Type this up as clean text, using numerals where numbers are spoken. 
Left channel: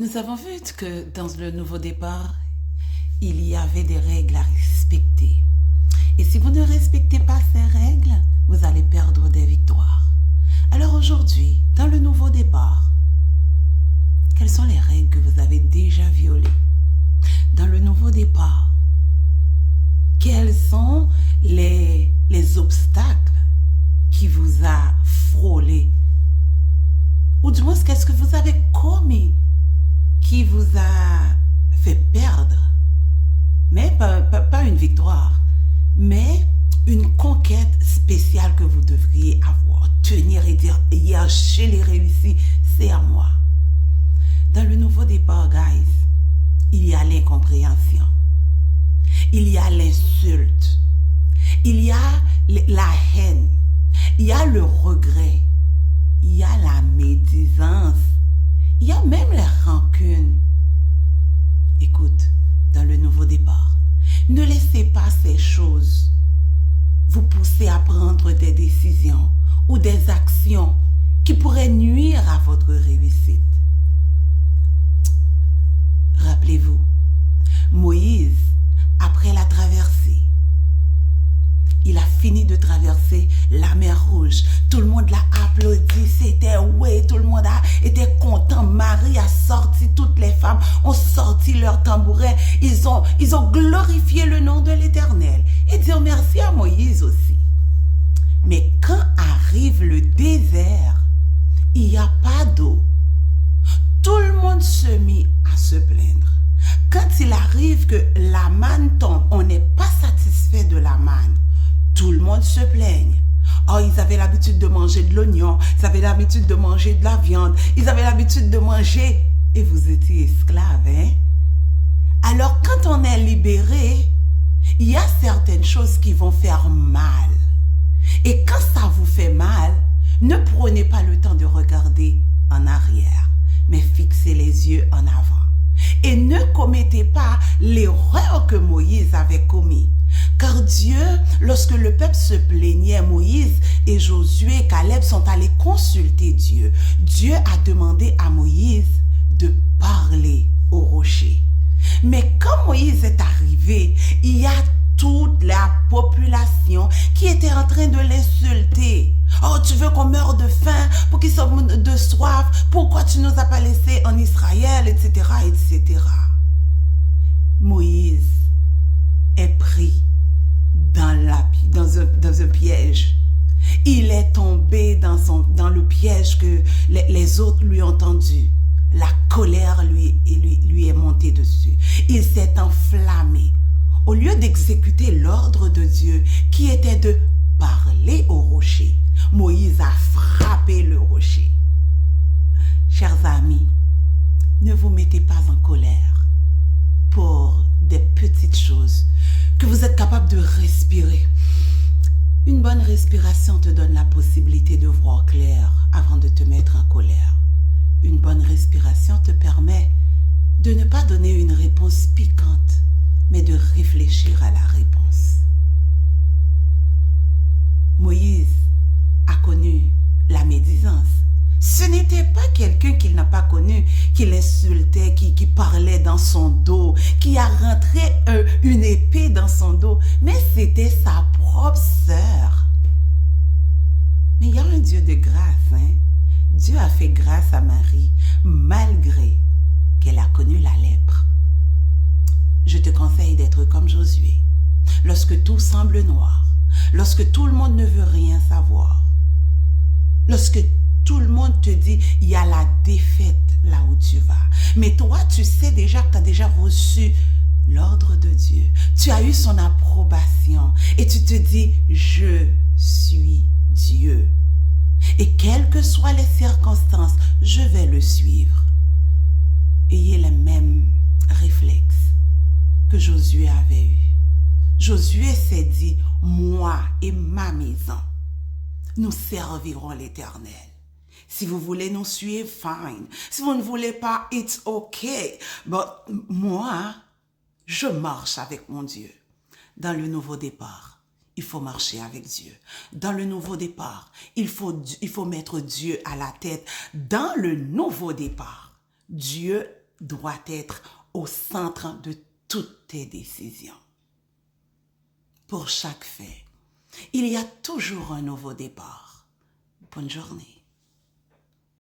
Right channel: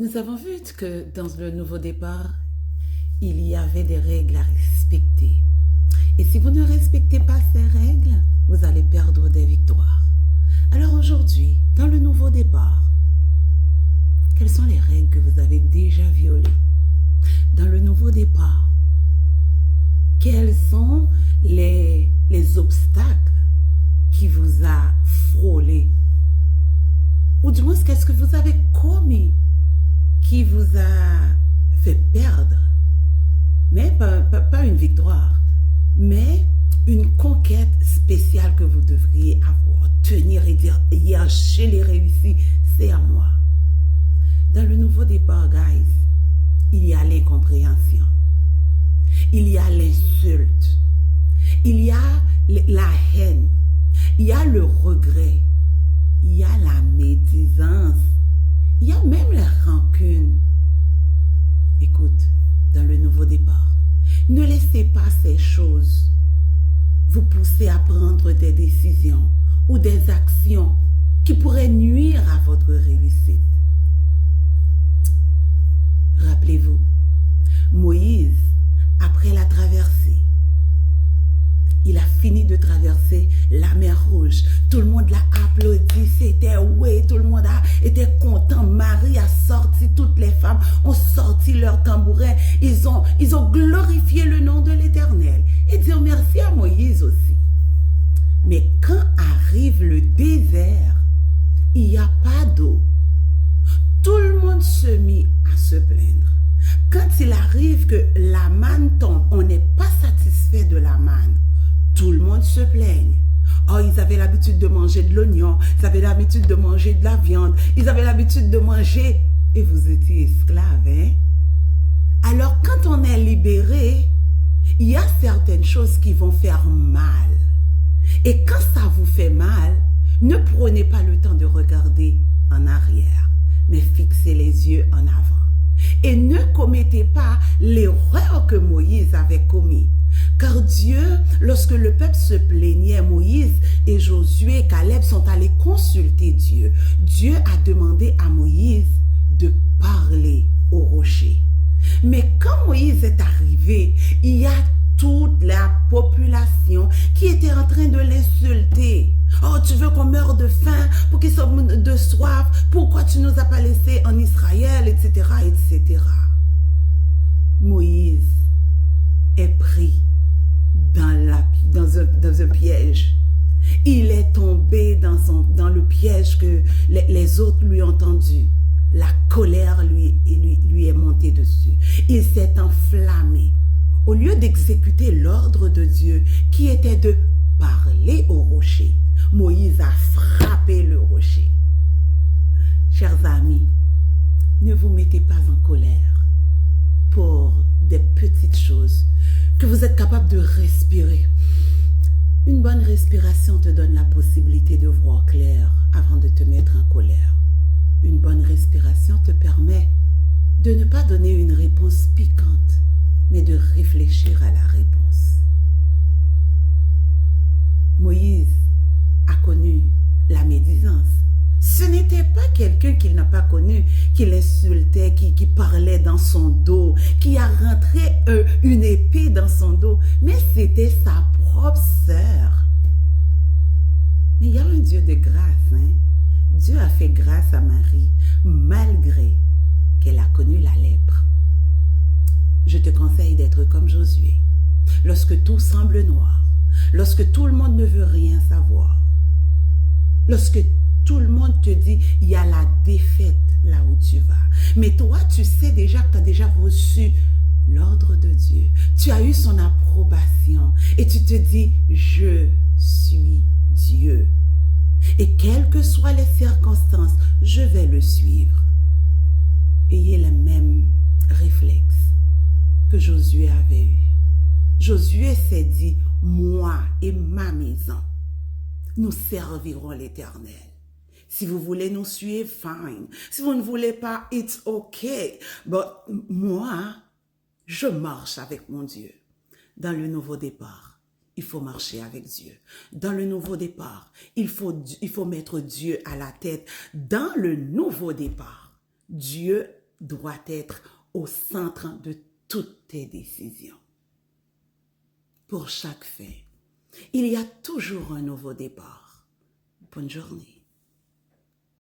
Nous avons vu que dans le nouveau départ, il y avait des règles à respecter. Et si vous ne respectez pas ces règles, vous allez perdre des victoires. Alors aujourd'hui, dans le nouveau départ, quelles sont les règles que vous avez déjà violées? Dans le nouveau départ, quels sont les obstacles qui vous a frôlé? Ou du moins, qu'est-ce que vous avez commis qui vous a fait perdre? Mais pas une victoire, mais une conquête spéciale que vous devriez avoir. Tenir et dire, hier, je l'ai réussi, c'est à moi. Dans le nouveau départ, guys, il y a l'incompréhension. Il y a l'insulte. Il y a la haine. Il y a le regret. Il y a la médisance. Il y a même la rancune. Écoute, dans le nouveau départ, ne laissez pas ces choses vous pousser à prendre des décisions ou des actions qui pourraient nuire à votre réussite. Rappelez-vous, Moïse, après la traversée, il a fini de traverser la mer Rouge. Tout le monde l'a applaudi, c'était ouais, tout le monde était content. Marie a sorti, toutes les femmes ont sorti leur tambourin. Ils ont glorifié le nom de l'Éternel et dire merci à Moïse aussi. Mais quand arrive le désert, il n'y a pas d'eau. Tout le monde se mit à se plaindre. Quand il arrive que la manne tombe, on n'est pas satisfait de la manne. Tout le monde se plaigne. Oh, ils avaient l'habitude de manger de l'oignon, ils avaient l'habitude de manger de la viande, ils avaient l'habitude de manger, et vous étiez esclaves, hein? Alors, quand on est libéré, il y a certaines choses qui vont faire mal. Et quand ça vous fait mal, ne prenez pas le temps de regarder en arrière, mais fixez les yeux en avant. Et ne commettez pas l'erreur que Moïse avait commise. Car Dieu, lorsque le peuple se plaignait, Moïse et Josué et Caleb sont allés consulter Dieu. Dieu a demandé à Moïse de parler au rocher. Mais quand Moïse est arrivé, il y a toute la population qui était en train de l'insulter. Oh, tu veux qu'on meure de faim pour qu'ils soient de soif? Pourquoi tu nous as pas laissés en Israël, etc., etc. Moïse est pris dans un piège. Il est tombé dans le piège que les autres lui ont tendu. La colère lui est montée dessus. Il s'est enflammé. Au lieu d'exécuter l'ordre de Dieu qui était de parler au rocher, Moïse a frappé le rocher. Chers amis, ne vous mettez pas en colère pour des petites choses que vous êtes capable de respirer. Une bonne respiration te donne la possibilité de voir clair avant de te mettre en colère. Une bonne respiration te permet de ne pas donner une réponse piquante, mais de réfléchir à la réponse. Moïse a connu la médisance. Ce n'était pas quelqu'un qu'il n'a pas connu, qui l'insultait, qui parlait dans son dos, qui a rentré une épée dans son dos, mais c'était sa propre sœur. Mais il y a un Dieu de grâce, hein? Dieu a fait grâce à Marie, malgré qu'elle a connu la lèpre. Je te conseille d'être comme Josué. Lorsque tout semble noir, lorsque tout le monde ne veut rien savoir, lorsque tout le monde te dit, il y a la défaite là où tu vas. Mais toi, tu sais déjà que tu as déjà reçu l'ordre de Dieu. Tu as eu son approbation et tu te dis, je suis Dieu. Et quelles que soient les circonstances, je vais le suivre. Ayez le même réflexe que Josué avait eu. Josué s'est dit, moi et ma maison, nous servirons l'Éternel. Si vous voulez nous suivre, fine. Si vous ne voulez pas, it's okay. But moi, je marche avec mon Dieu. Dans le nouveau départ, il faut marcher avec Dieu. Dans le nouveau départ, il faut mettre Dieu à la tête. Dans le nouveau départ, Dieu doit être au centre de toutes tes décisions. Pour chaque fait, il y a toujours un nouveau départ. Bonne journée.